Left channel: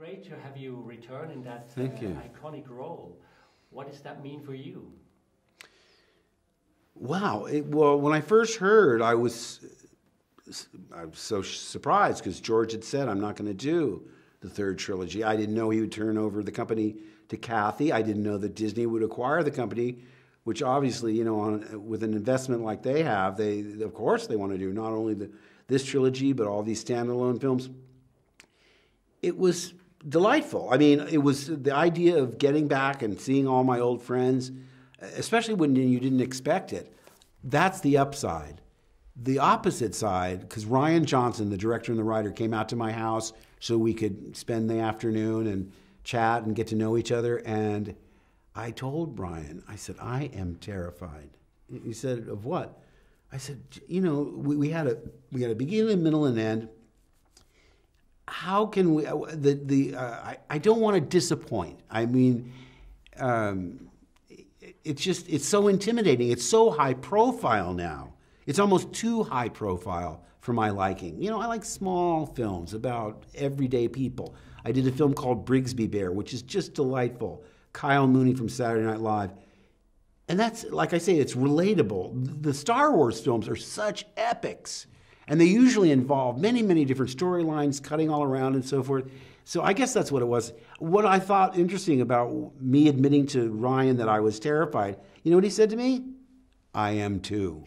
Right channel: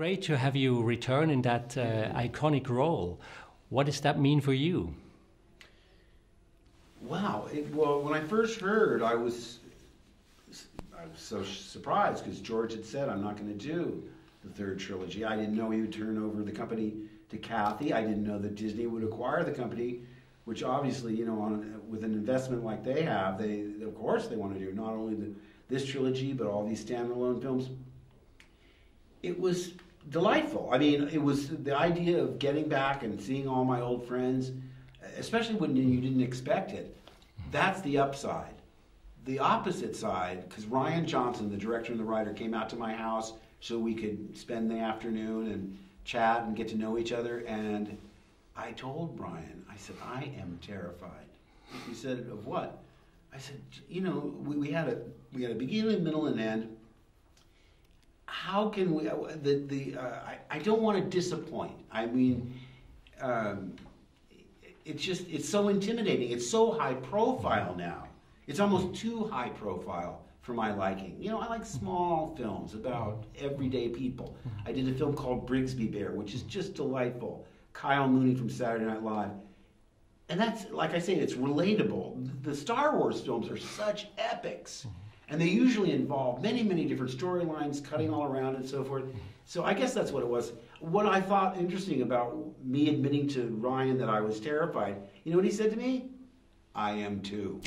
Great to have you return in that iconic role. What does that mean for you? Wow. Well, when I first heard, I was so surprised because George had said, I'm not going to do the third trilogy. I didn't know he would turn over the company to Kathy. I didn't know that Disney would acquire the company, which obviously, you know, with an investment like they have, of course they want to do not only this trilogy, but all these standalone films. It was delightful. I mean, it was the idea of getting back and seeing all my old friends, especially when you didn't expect it. That's the upside. The opposite side, because Rian Johnson, the director and the writer, came out to my house so we could spend the afternoon and chat and get to know each other. And I told Brian, I said, I am terrified. He said, of what? I said, you know, we had a beginning, middle, and end. How can we? I don't want to disappoint. I mean, it's so intimidating. It's so high profile now. It's almost too high profile for my liking. You know, I like small films about everyday people. I did a film called Brigsby Bear, which is just delightful. Kyle Mooney from Saturday Night Live. And that's, like I say, it's relatable. The Star Wars films are such epics. And they usually involve many, many different storylines, cutting all around and so forth. So I guess that's what it was. What I thought interesting about me admitting to Ryan that I was terrified, you know what he said to me? I am too.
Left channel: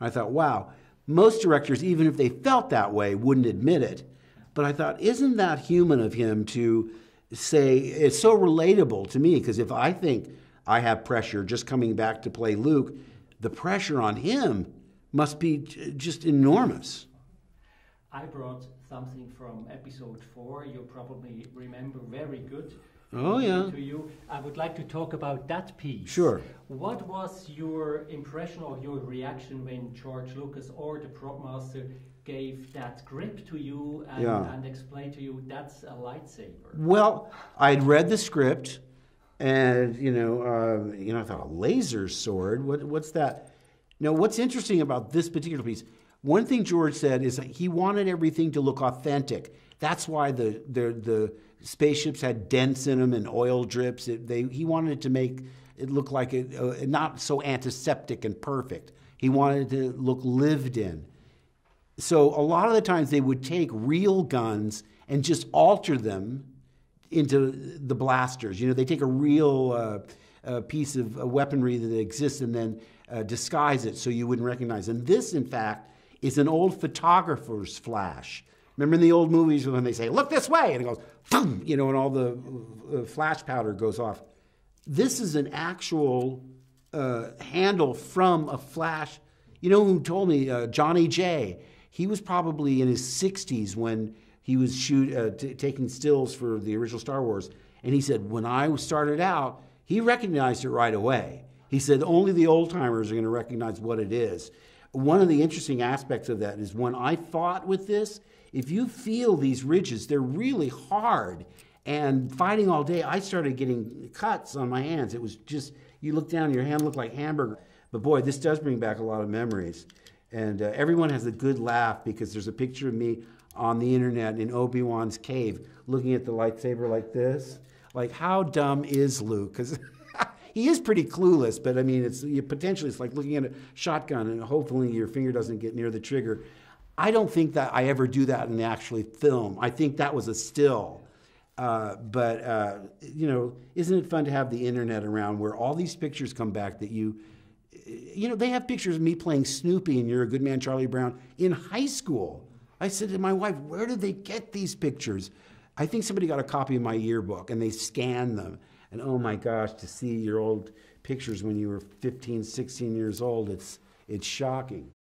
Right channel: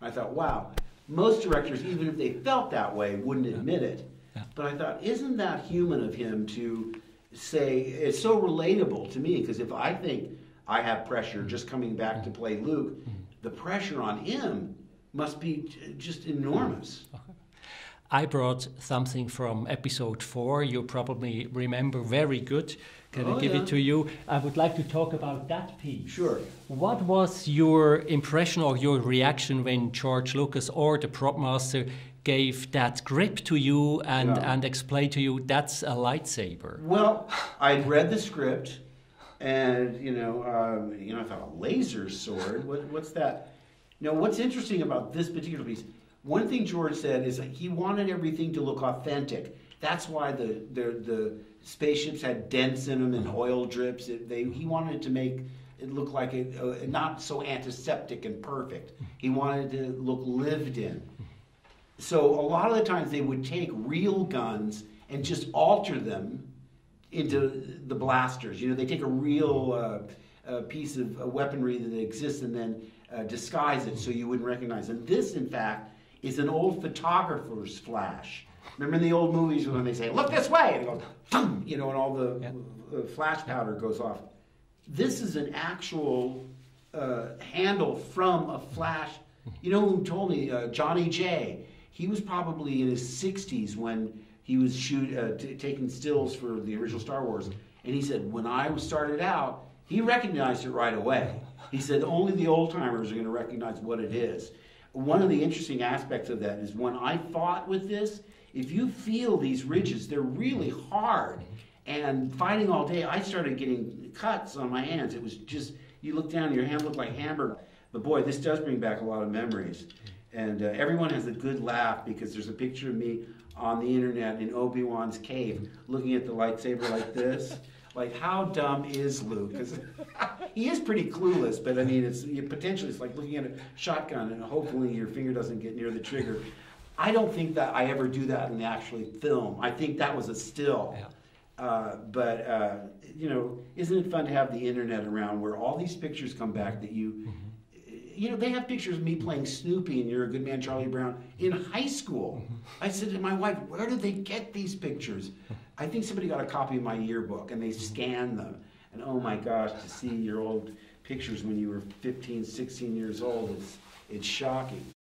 I thought, wow, most directors, even if they felt that way, wouldn't admit it. But I thought, isn't that human of him to say, it's so relatable to me, because if I think I have pressure just coming back to play Luke, the pressure on him must be just enormous. I brought something from episode 4. You probably remember very good. Can I give it to you? I would like to talk about that piece. Sure. What was your impression or your reaction when George Lucas or the prop master gave that grip to you and explained to you that's a lightsaber? Well, I'd read the script, and I thought, a laser sword. What's that? Now, what's interesting about this particular piece? One thing George said is that he wanted everything to look authentic. That's why the spaceships had dents in them and oil drips. He wanted to make it look like not so antiseptic and perfect. He wanted it to look lived in. So a lot of the times they would take real guns and just alter them into the blasters. You know, they take a real piece of weaponry that exists and then disguise it so you wouldn't recognize. And this, in fact, is an old photographer's flash. Remember in the old movies when they say, look this way, and it goes, boom, you know, and all the flash powder goes off. This is an actual handle from a flash. You know who told me? Johnny J. He was probably in his 60s when he was taking stills for the original Star Wars. And he said, when I started out, he recognized it right away. He said, only the old-timers are going to recognize what it is. One of the interesting aspects of that is when I fought with this, if you feel these ridges, they're really hard. And fighting all day, I started getting cuts on my hands. It was just, you look down, your hand looked like hamburger. But boy, this does bring back a lot of memories. And everyone has a good laugh because there's a picture of me on the internet in Obi-Wan's cave looking at the lightsaber like this. Like, how dumb is Luke? Because he is pretty clueless, but I mean, it's like looking at a shotgun and hopefully your finger doesn't get near the trigger. I don't think that I ever do that in the actual film. I think that was a still. But isn't it fun to have the internet around where all these pictures come back that they have pictures of me playing Snoopy and You're a Good Man, Charlie Brown in high school. I said to my wife, where did they get these pictures? I think somebody got a copy of my yearbook and they scanned them. And oh my gosh, to see your old pictures when you were 15, 16 years old, it's shocking.